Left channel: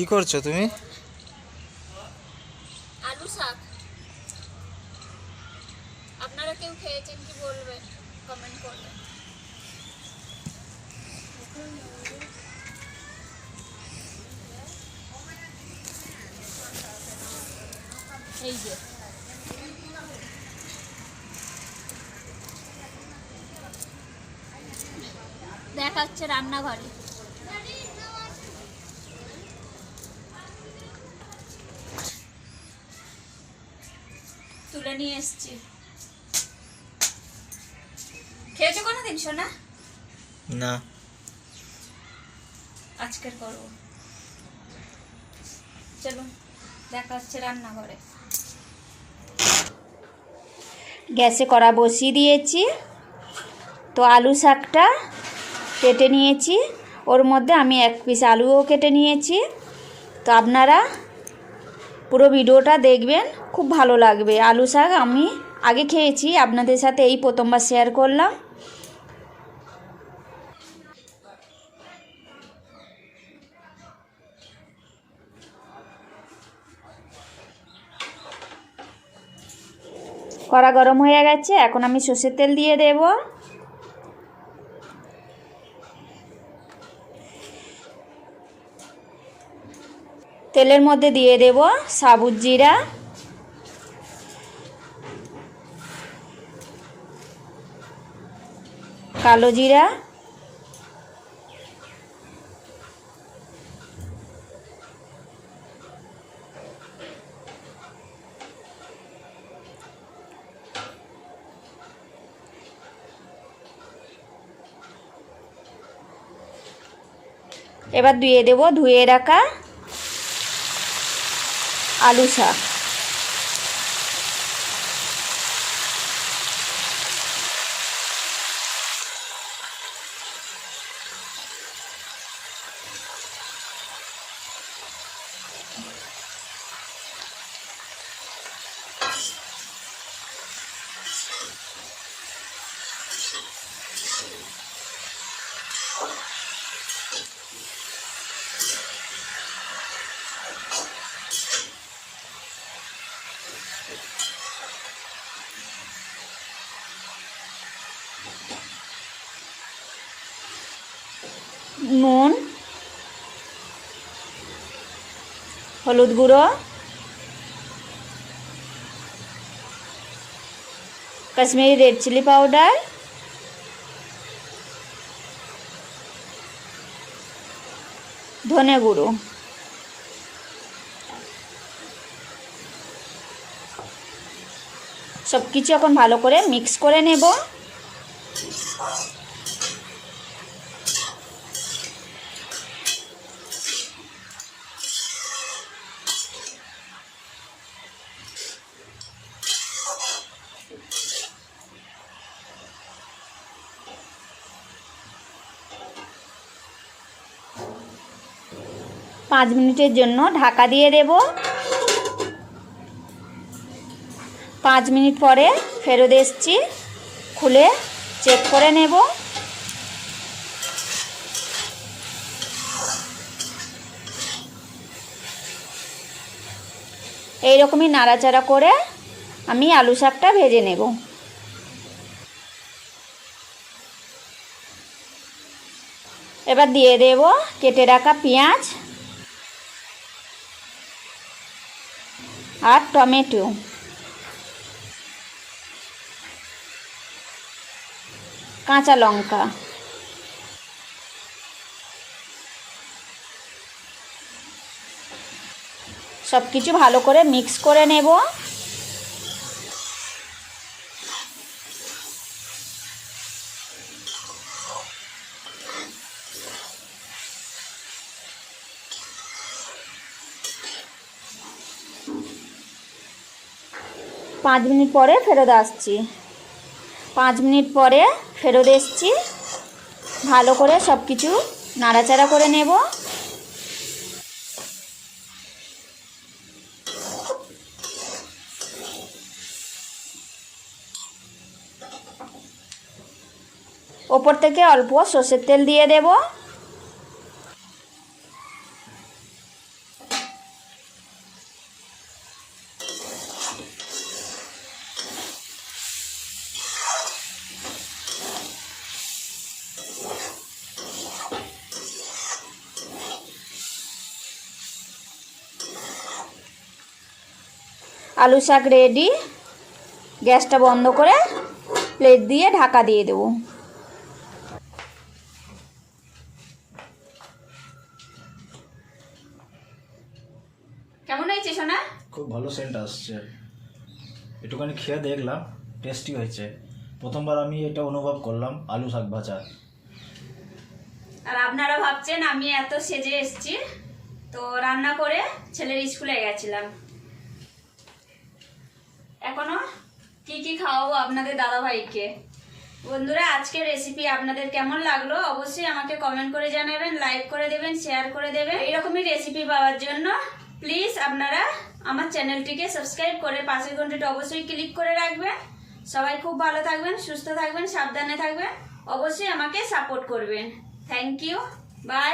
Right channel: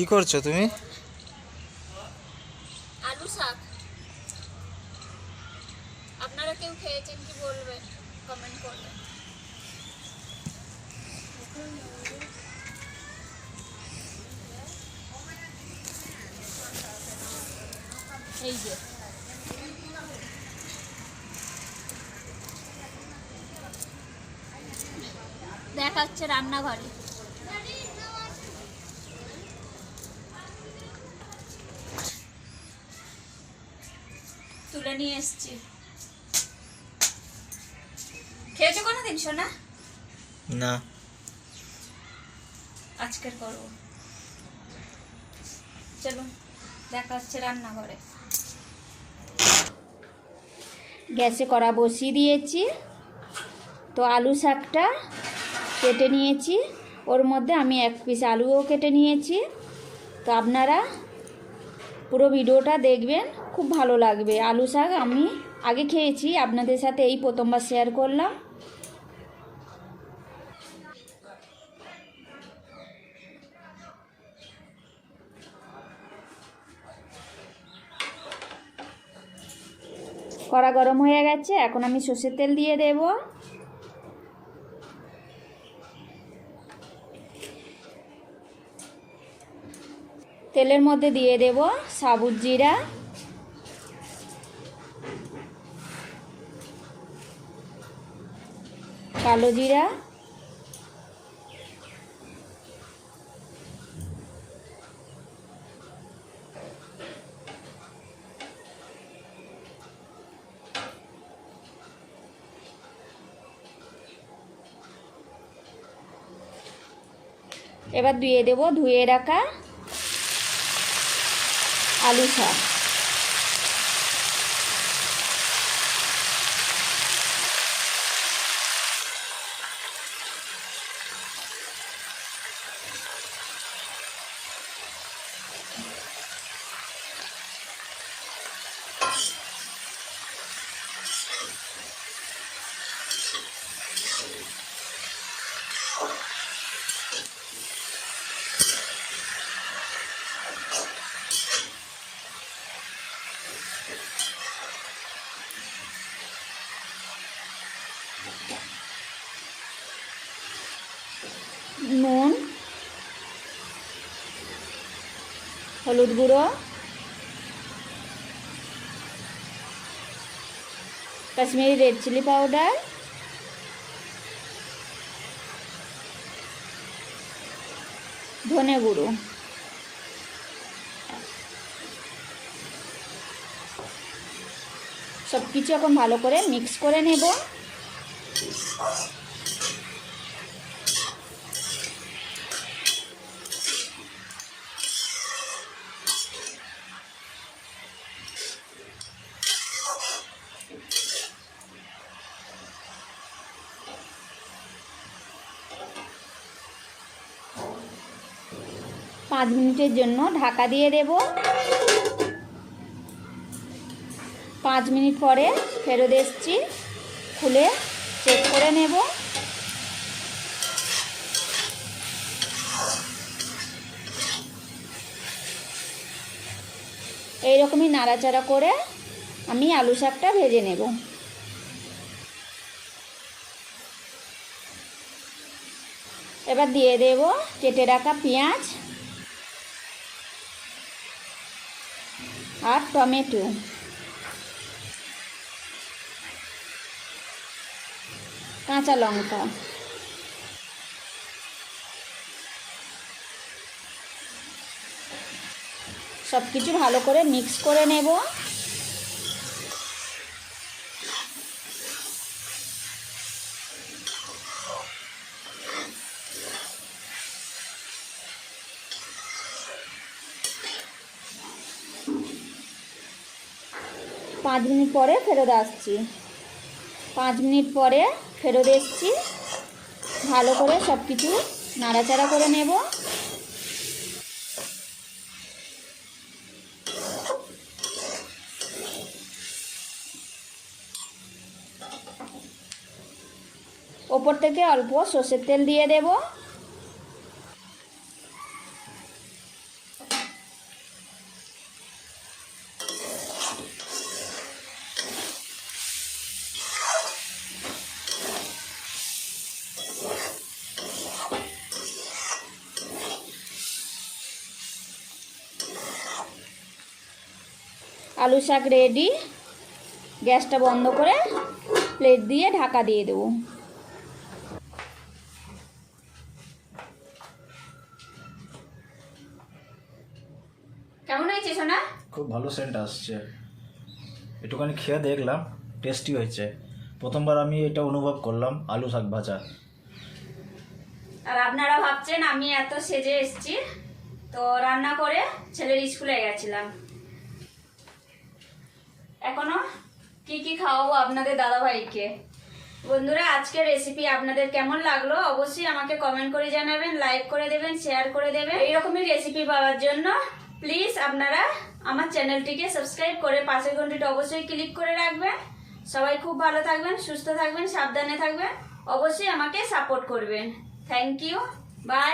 কি করছ তুমি? আলু শাক। আপনারা কেউ খেয়েছেন কি বলবেন কমেন্ট করবেন এই যে। দেখা হচ্ছে রান্নাঘরে। তুলে নিয়ে এসছি। খেয়েছো কোনো দিন শোনা না। আজকের করব। চলো দেখা হচ্ছে রান্নাঘরে। গ্যাসে কড়া বসিয়ে দিয়েছি তো আলু শাকটা কেটে নিয়েছি। ওর মধ্যে আমি এক পিস আলুও কেটে নিয়েছি। তো আপনারা পুরো ভিডিওটা দেখবেন, খুব ভালো লাগবে। আলু শাক আমি আগে খেয়েছি, আপনাদের সাথে এই প্রথমবার শেয়ার করলাম। কড়া গরম হয়ে গেছে, এখন আমি সর্ষের তেল দিয়ে দেব। তেলের মধ্যে দিয়ে দেব সাবুত জিরা। কালো জিরা। এবার ধুয়ে দেব ধুয়ে রাখা আলু শাক। নুন, হলুদ গুঁড়ো, কাশ্মীরি রেড চিলি পাউডার, ধনে গুঁড়ো। সব কিছু এখন ভালো করে মিক্স করে নেব। পাঁচ মিনিটের জন্য ঢাকা দিয়ে দেব। পাঁচ মিনিট পরে ফেরত এসছি। খুলে চেক করে নেব। এইরকমই নাড়াচাড়া করে আমি আলু শাকটা ভেজে নেব। এবার দিয়ে দেব কেটে রাখা পেঁয়াজ। আর টমেটো। কাঁচা লঙ্কা। সব কিছু ভালো করে মিক্স করে নেব। পাঁচ মিনিট পরে ফেরত আসছি। পাঁচ মিনিট পরে ফেরত এসছি। ভালো করে সব কিছু নাড়াচাড়া করে নেব। ওপর থেকে অল্প সর্ষের তেল দিয়ে দেব। আলু শাক রেডি গ্যাসটা বন্ধ করে প্লেট দিয়ে ঢাকা দিয়ে দেবো। কেমন হয়েছে সোনা? খুব ভালো সেন্ট আসছে। একটুখানি খেয়ে দেখলাম টেস্টি হয়েছে। প্রথমবার আমি এটা অনুভব করলাম আলু শাক ভাজা। আর আপনারা ভাবছেন আমি এত সেজে এসেছি তো রান্না করে ছেলের স্কুলে গেছিলাম। এখনও? কি কি খাওয়াবো আপনাদের দাদাভাইকে? বন্ধুরা, আজকের রেসিপি আপনাদের কেমন লাগল অবশ্যই আমাকে কমেন্ট করে জানাবেন লাইক করে দেবেন শেয়ার করে দেবেন। এইরকমই রেসিপি পাওয়ার জন্য প্লিজ আপনারা আমার চ্যানেলটিকে সাবস্ক্রাইব করে পাশের ঘন্টিটা অবশ্যই ক্লিক করে রাখবেন। সবাই খুব ভালো থাকবেন, সুস্থ থাকবেন, সাবধানে থাকবেন। অবশ্যই আমাকে সাপোর্ট করবেন। Thank you by